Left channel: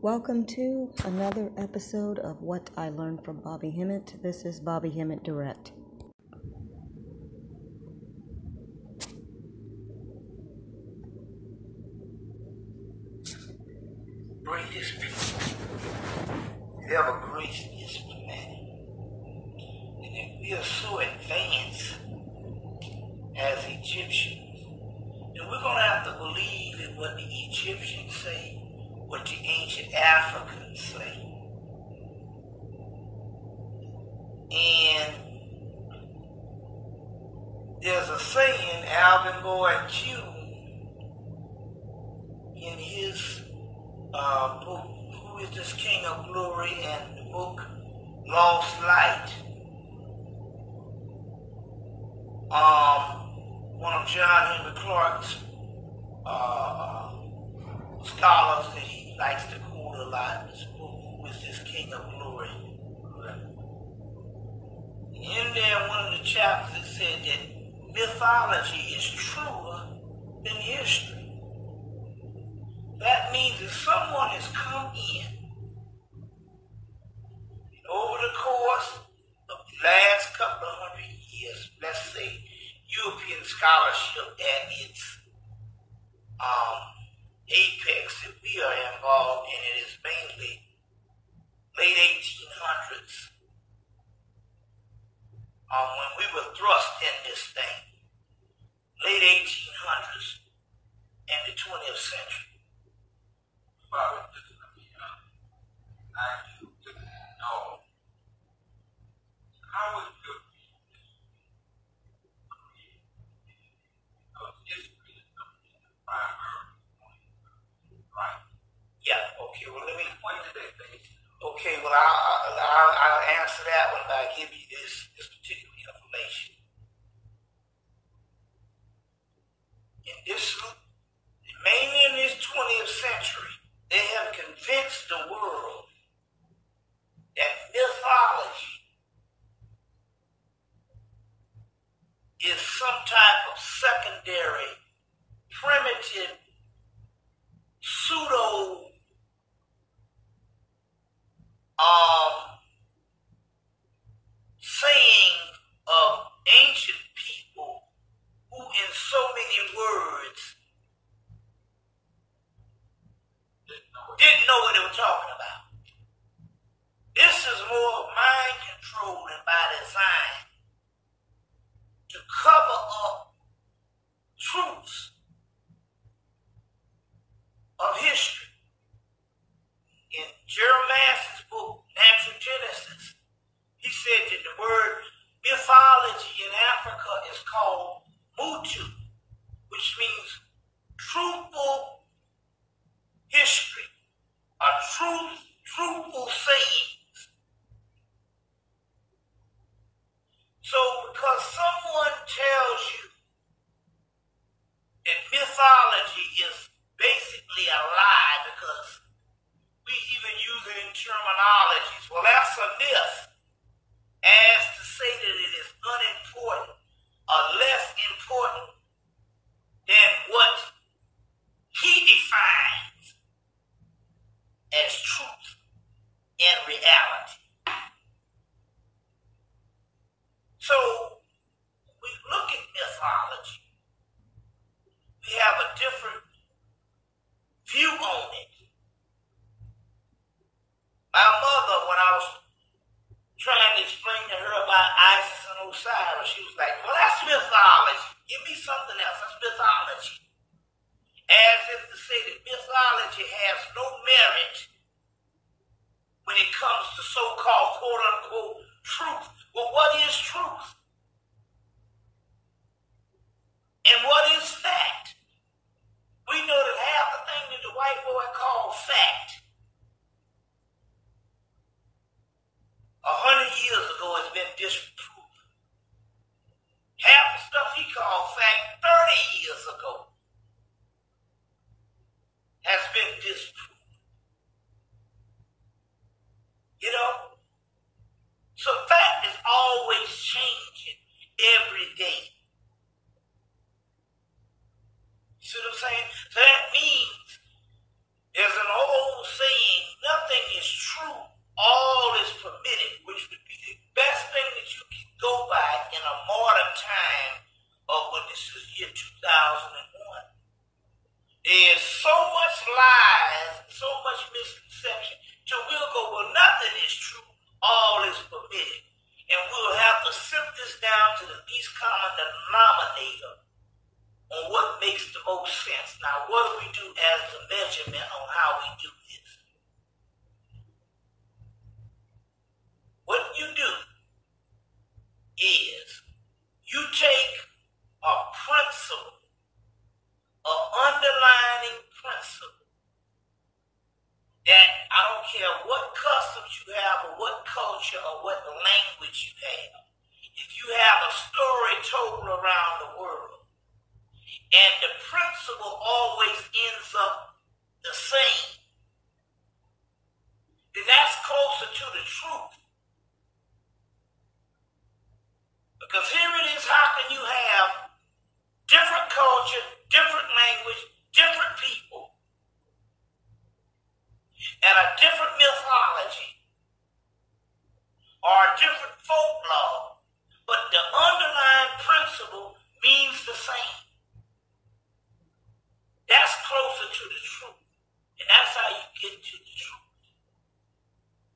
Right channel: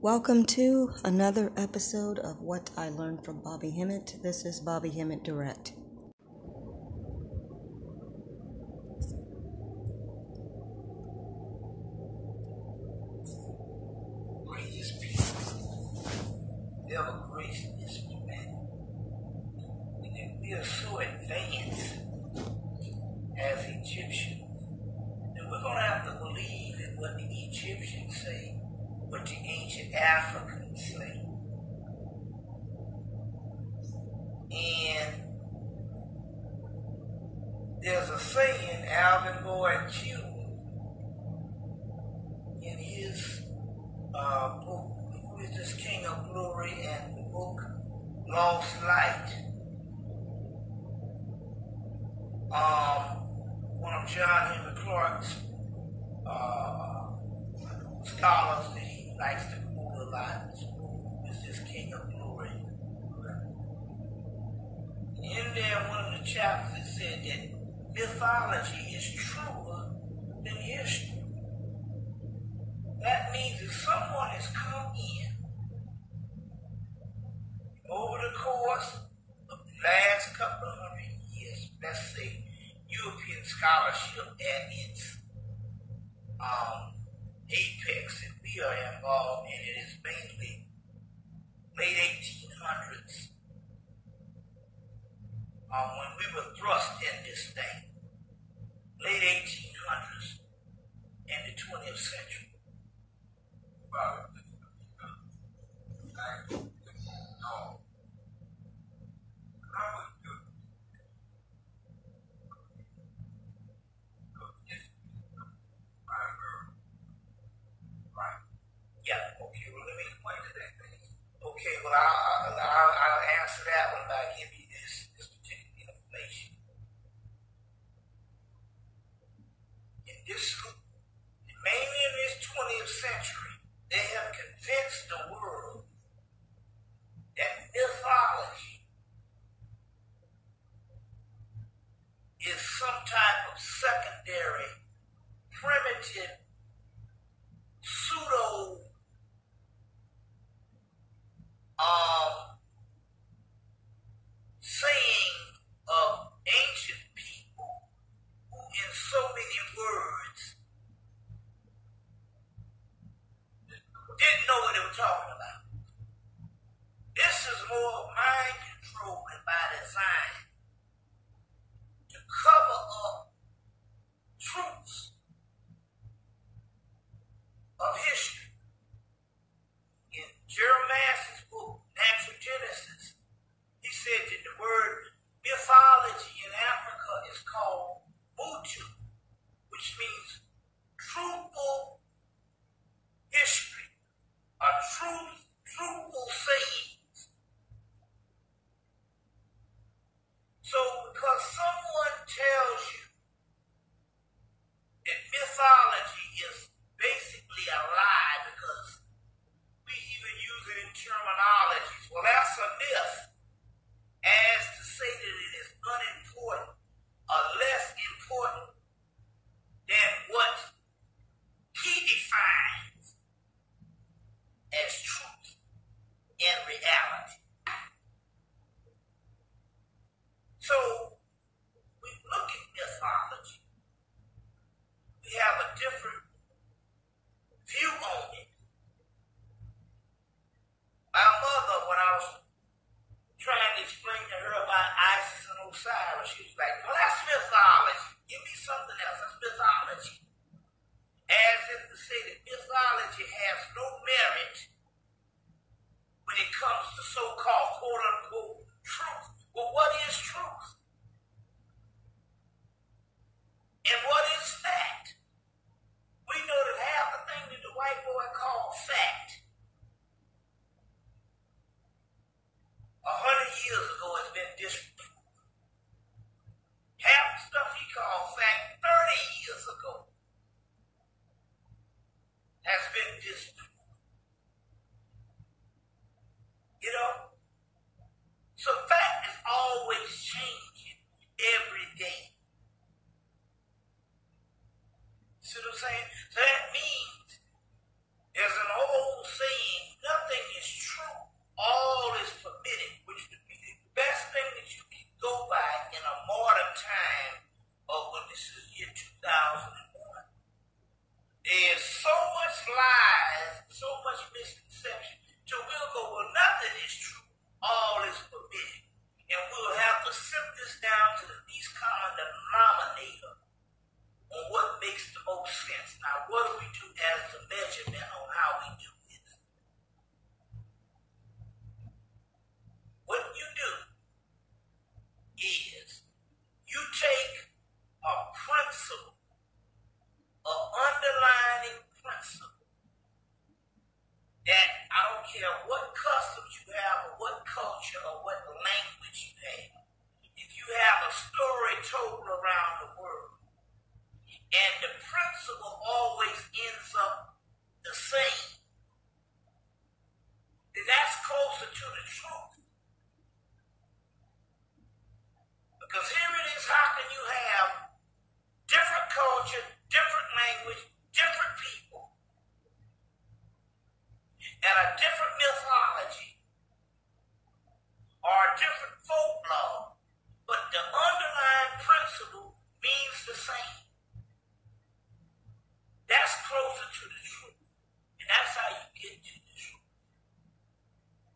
Welcome to another episode of What I Learned from Bobby Hemmett. This is Bobby Hemmett Direct. Greatest people ever graced this planet. And if we are so advanced as Egyptians, then we're going to have to believe in what the Egyptians say, what the ancient Africans say. And there's a saying, Alvin Lloyd June, in his book, Who is This King of Glory, and the book Lost Light. One of John Henry Clark's scholars that he likes to quote a lot, this book, Who is This King of Glory. In there, one of the chapters said that mythology is truer than history. That means if someone has come in over the course of the last couple of 100 years, let's say European scholarship at its apex that we are involved in, it is mainly late 1800s, when we were thrust in this thing, late 1800s and the 20th century. Bobby, I need to know how is your history is the primary point, right? Yeah, okay, well, let me point to that thing. Okay, well, I'll answer that one by giving you this particular information. Mainly in this 20th century, they have convinced the world that mythology is some type of secondary, primitive, pseudo saying of ancient people who in so many words didn't know what they were talking about. This is more mind control and by design to cover up truths of history. In Jeremiah's book, Natural Genesis, he said that the word mythology in Africa is called Mutu, which means truthful history, or truthful sayings. So because someone tells you that mythology is basically a lie, because we even use it in terminologies, well, that's a myth, as to say that it is unimportant or less important than what he defines as truth and reality. So, we look at mythology, we have a different view on it. My mother, when I was trying to explain to her about Isis and Osiris, she was like, well, that's mythology. Give me something else. That's mythology. As if to say that mythology has no merit when it comes to so-called quote-unquote truth. Well, what is truth? And what is fact? We know that half the thing that the white boy called fact 100 years ago has been disproved. Half the stuff he called fact 30 years ago has been disproved. You know? So fact is always changing every day. See what I'm saying? So that means there's an old saying care what customs you have or what culture or what language you have. If you have a story told around the world and the principle always ends up the same, then that's closer to the truth. Because here it is, how can you have different culture, different language, different people, and a different mythology or a different folklore, but the underlying principle means the same? That's closer to the truth. And that's how you get to the truth.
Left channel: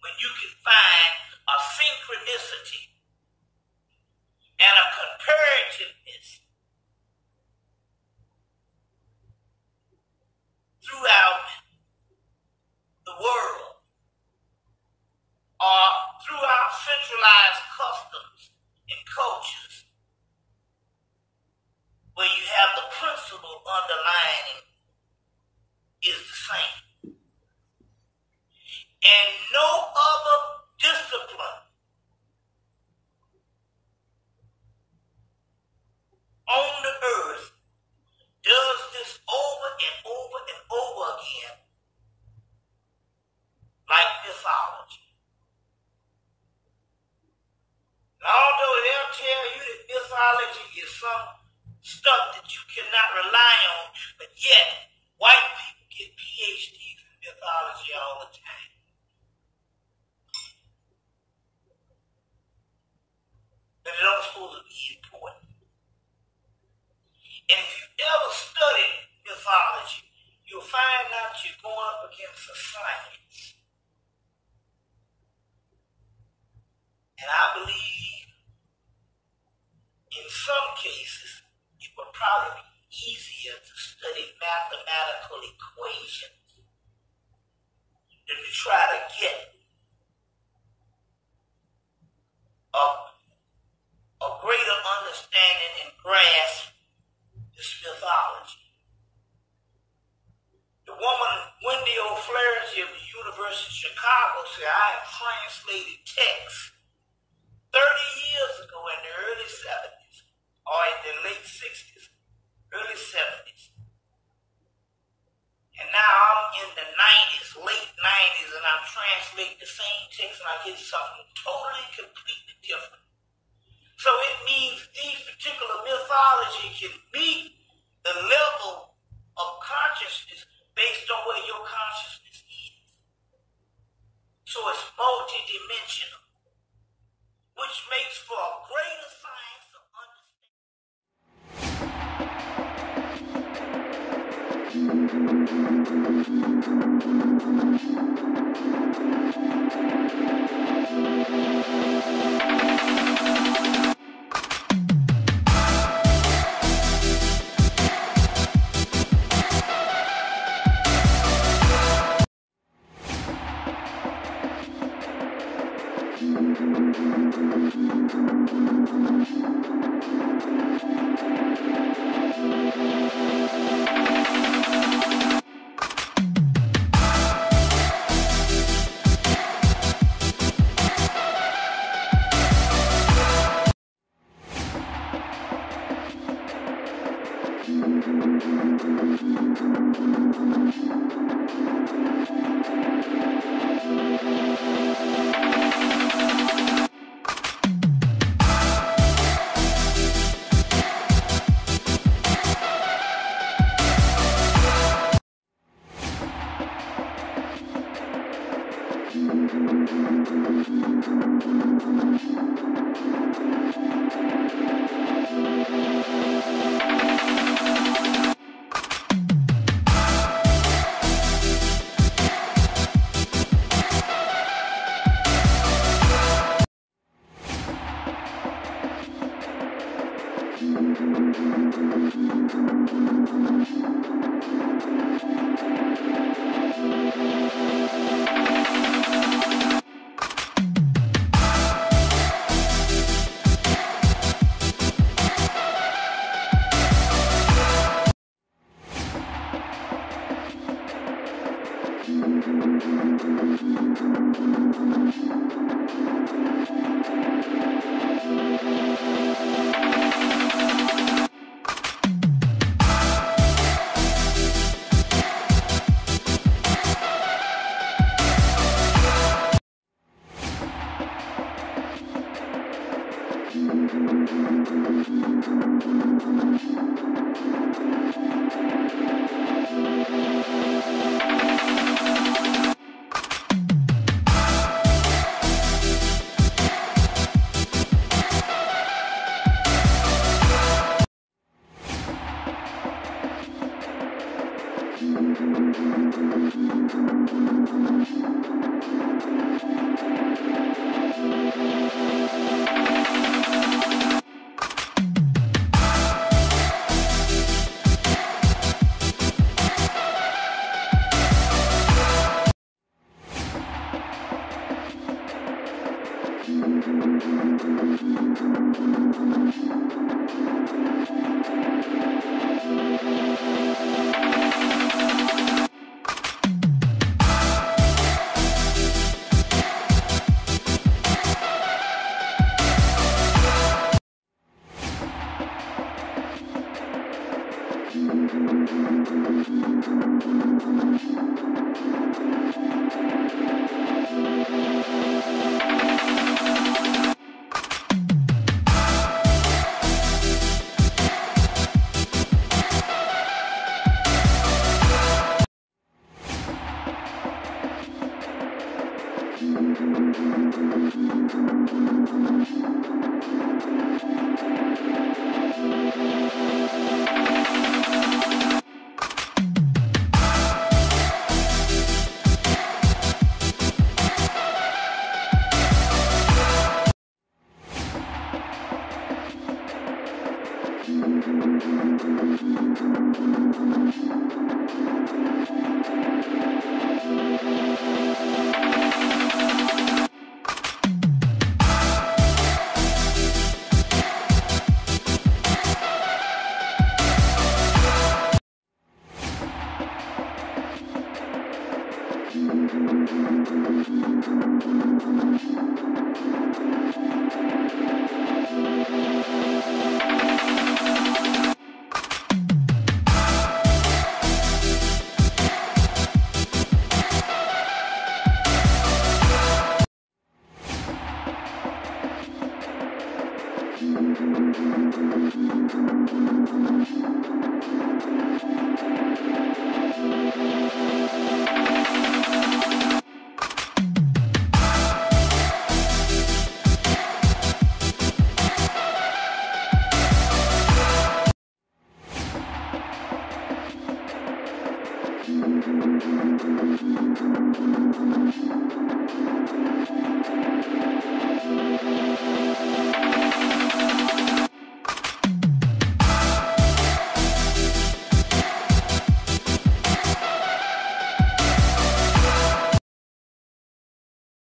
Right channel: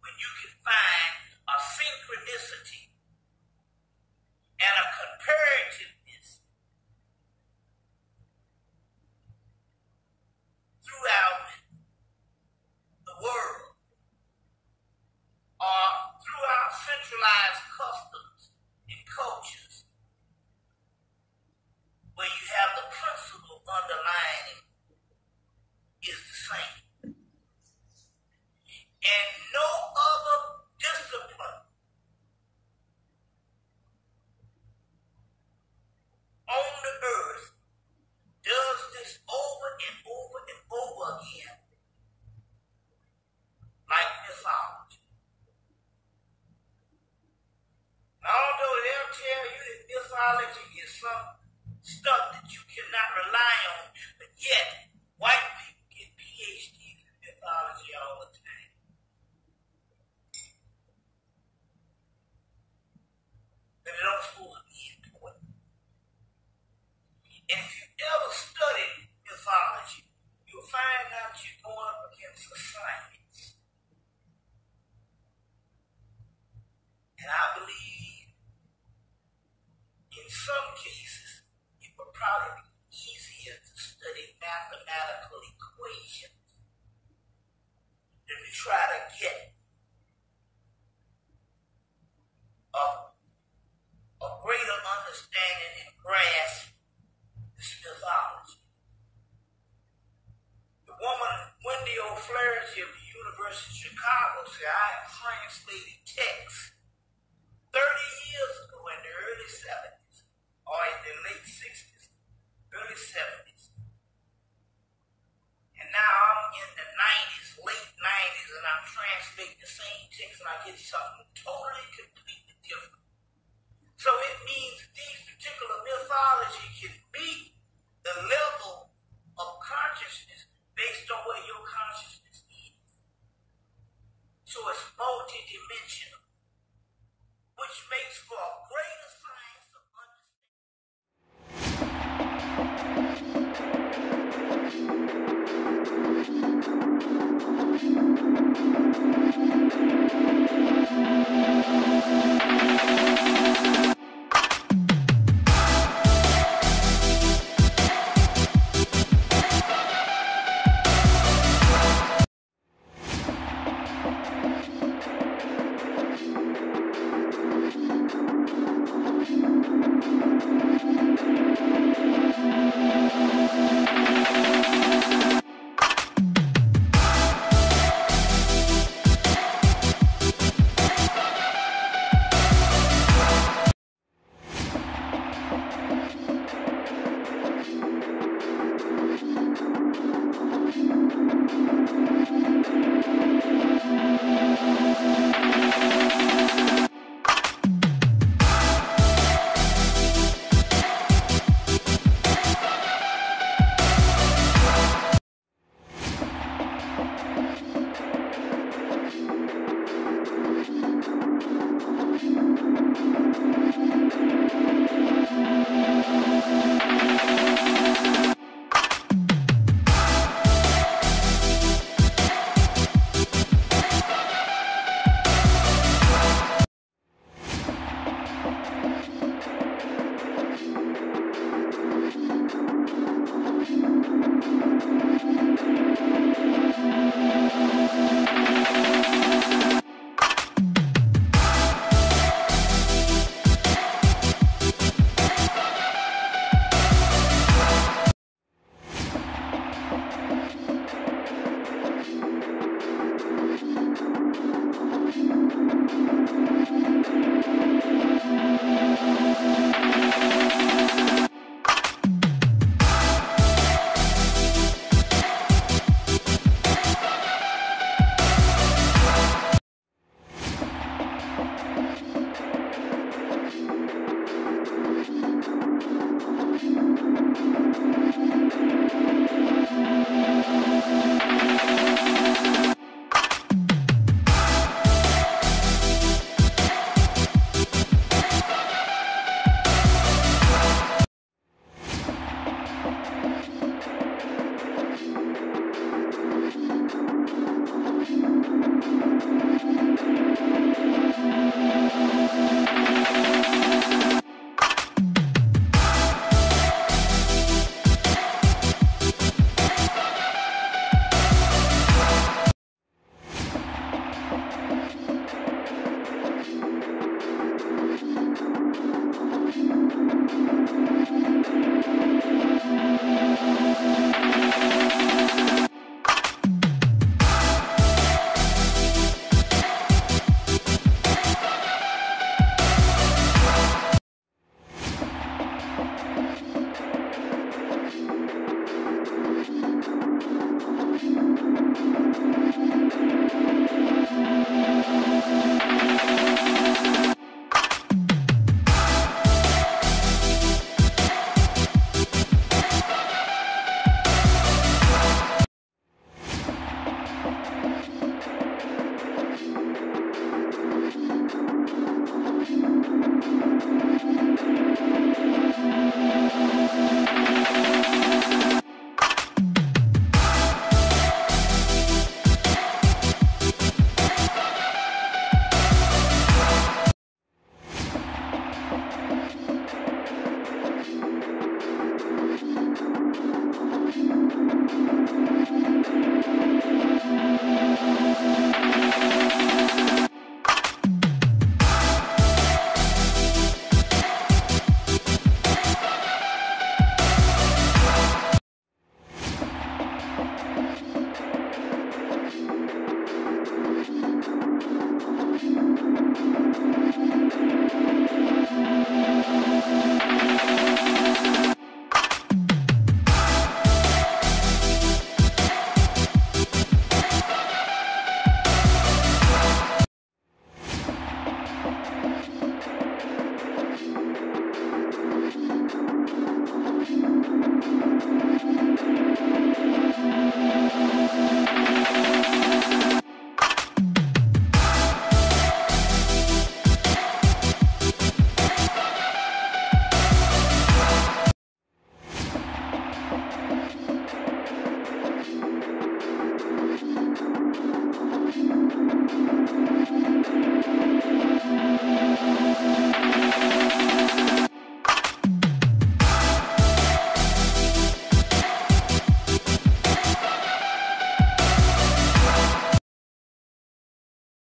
When you can find a synchronicity and a comparativeness throughout the world or throughout centralized customs and cultures, where you have the principle underlying is the same. And no other discipline on the earth does this over and over and over again like mythology. And although they'll tell you that mythology is some stuff that you cannot rely on, but yet white people get PhDs in mythology all the time. And it don't supposed to be important. And if you ever study mythology, you'll find out you're going up against a science. And I believe in some cases it would probably be easier to study mathematical equations than to try to get a greater understanding and grasp this mythology. The woman, Wendy O'Flaherty of the University of Chicago, said, I have translated texts 30 years ago in the early 70s, or in the late 60s, early 70s. And now I'm in the 90s, late 90s, and I'm translating the same text and I get something totally, completely different. So it means these particular mythology can meet the level of consciousness based on where your consciousness is. So it's multidimensional, which makes for a greater science of understanding.